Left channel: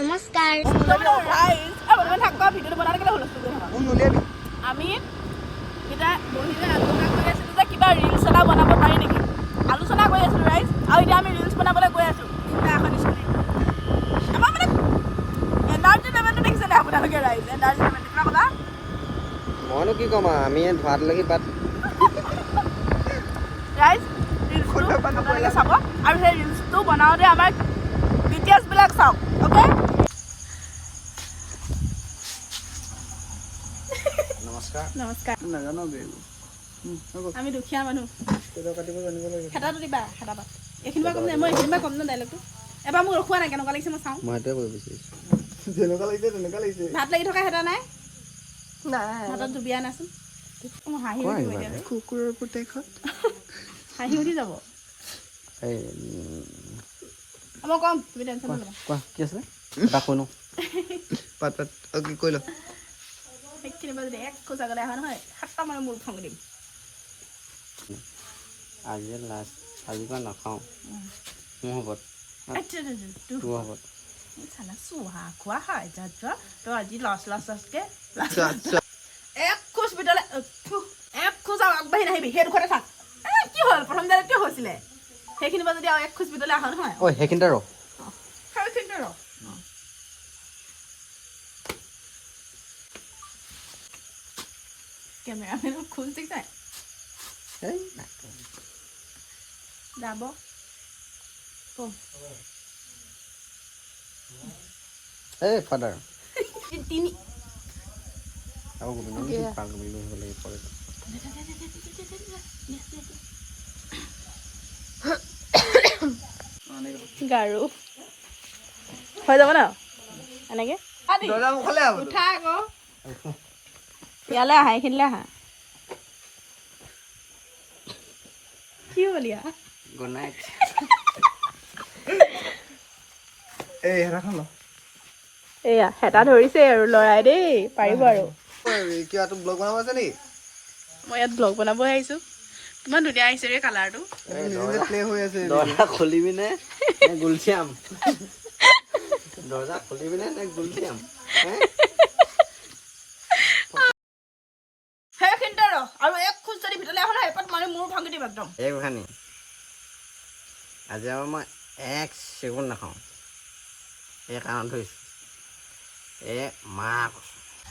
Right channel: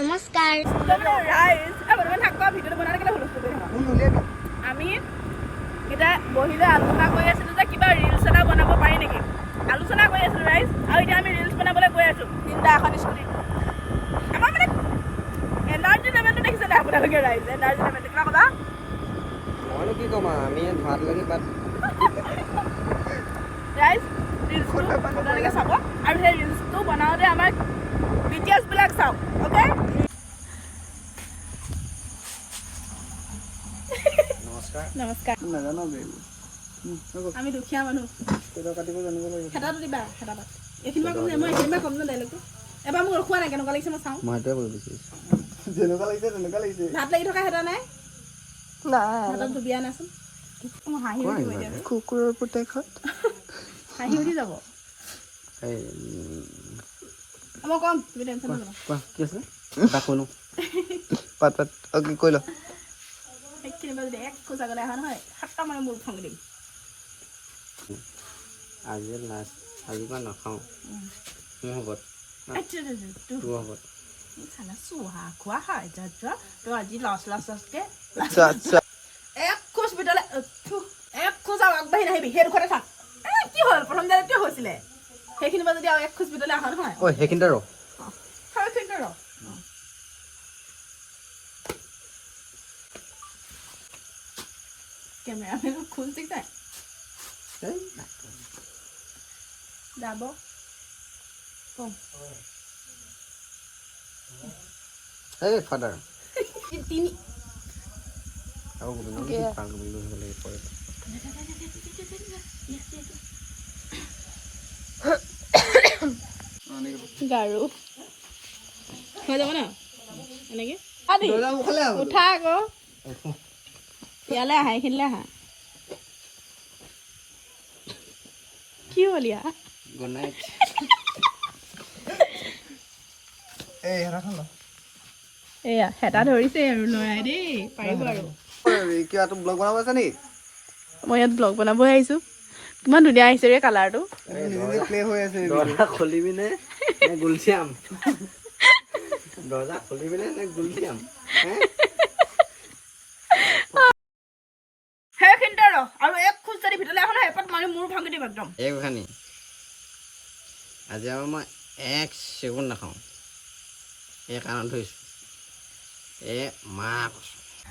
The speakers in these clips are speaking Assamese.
নমস্কাৰ আমি এটা বহিলৈ আলোচনা কৰি আছিলোঁ যে কিবা ৰিলছ এটা বনাব পাৰি নেকি আলোচনা কৰি আছিলোঁ ৰাইজ আৰু এতিয়া আমি ৰিলছ বনাবলৈ গৈ আছোঁ তিনিটা এখন স্কুটি আমাৰ মানে এনাৰ্জি লেভেলটো দেখিছে নাই আপোনালোকে ৰাইজ এনাৰ্জি লেভেলটো কিবা ক'লা মইনো কি ক'ম আমি ধোঁৱাত লাগি বাট ৰাইজ ৰিলছটো আপোনালোকে চাব আৰু সেই ৰিলছটো বনাওঁতে আমাৰ ডিটেইলছবিলাক চাওক অ'কে নমস্কাৰ নাজানো আমি দুখীয়া মানুহ কাটিব জানিব লাগিব হেতাটো দিবা হেতাপাত এইখিনি পৰা কম যে মই এইখিনি পৰা কম ন ডাইলগটো এবাৰ মোক ৰখোৱা নাই কেনেকুৱা লাগিছে মই চাওঁ মই সেইটোৱে কৰিব বিচাৰিছোঁ যেনেকুৱা লাগিছে ভাত লাগি থকা হেতা নাই হাতত ডুবিয়া নাচোন মোৰ হাঁহি উঠিব এতিয়া কুকুৰৰ পুতেকত হাঁহি উঠি যাব মই কম তুমি টেনশ্যন নল'বা কোৱা কি আছে শুনো পাত কি কৈ ল সেইখিনি পৰা যদি এক খোজ আগলৈ অহা নহয় 7টা মানে মোৰ ভাঙি দিম আজি লাষ্ট আজি মই নাখাওঁ মোৰ হ'ব তোৰ হ'ব চালা চুহা খোৱা হয় তই আজি লাষ্টকে এক খোজ ভিতৰলৈ এক খোজ আৰু আগবাঢ়ি নাহিবি সেই দুখতে থাক কি হ'ল প্ৰথম দিনা কিয় হৈছিলে সেইখিনি পৰা যদি আৰু এক খোজ ভিতৰলৈ অহা নহয় ঐ সেইখিনিতে ৰ সেইখিনিতে ৰ কেমেৰামেনৰ খোজ দেখিছাই যাব এই ফাদাৰ তিনি গাৰু হৈ যাব ন এনেকে উঠা আকৌ ইয়ালৈ আহা এইখিনিলৈ আহা কি হ'ল ইয়া গুড নাইট এয়া হেতা ধৰিছে আৰু লৰাই দেই পাৰিব আৰু ব্লগ বনাব আছে নেকি মই ইয়াত ব্লগ বনাবই আহিছো কিমান ধুনীয়া আহিছে ৰে কালাৰটো প্লে হৈ আছে দৰ্জা খুলিবি নে গুলচিয়াম দৰ্জা খুলিবি নে গুলচিয়াম সেইখিনিতে ৰ আৰু এক খোজ যদি ভিতৰলৈ এখন এপাত মাৰি মোৰ ভাঙি দিম একদম এই গোসানী আজি আৰু মই এক চেগুন নাখাওঁ এই কাৰণত ধৰিছোঁ মা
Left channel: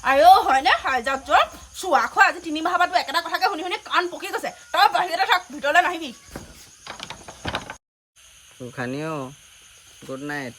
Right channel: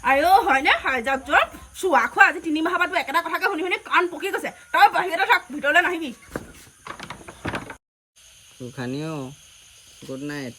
আইঅ হয়নে যাওক যোৱা চোৱা খোৱা আজি 3 মাহৰ পৰা তোৰ একেটা কথাকে শুনি শুনি কাণ পকি গৈছে তই বাহিৰতে থাক ভিতৰলৈ নাহিবি গোসানী অ' গুড নাইট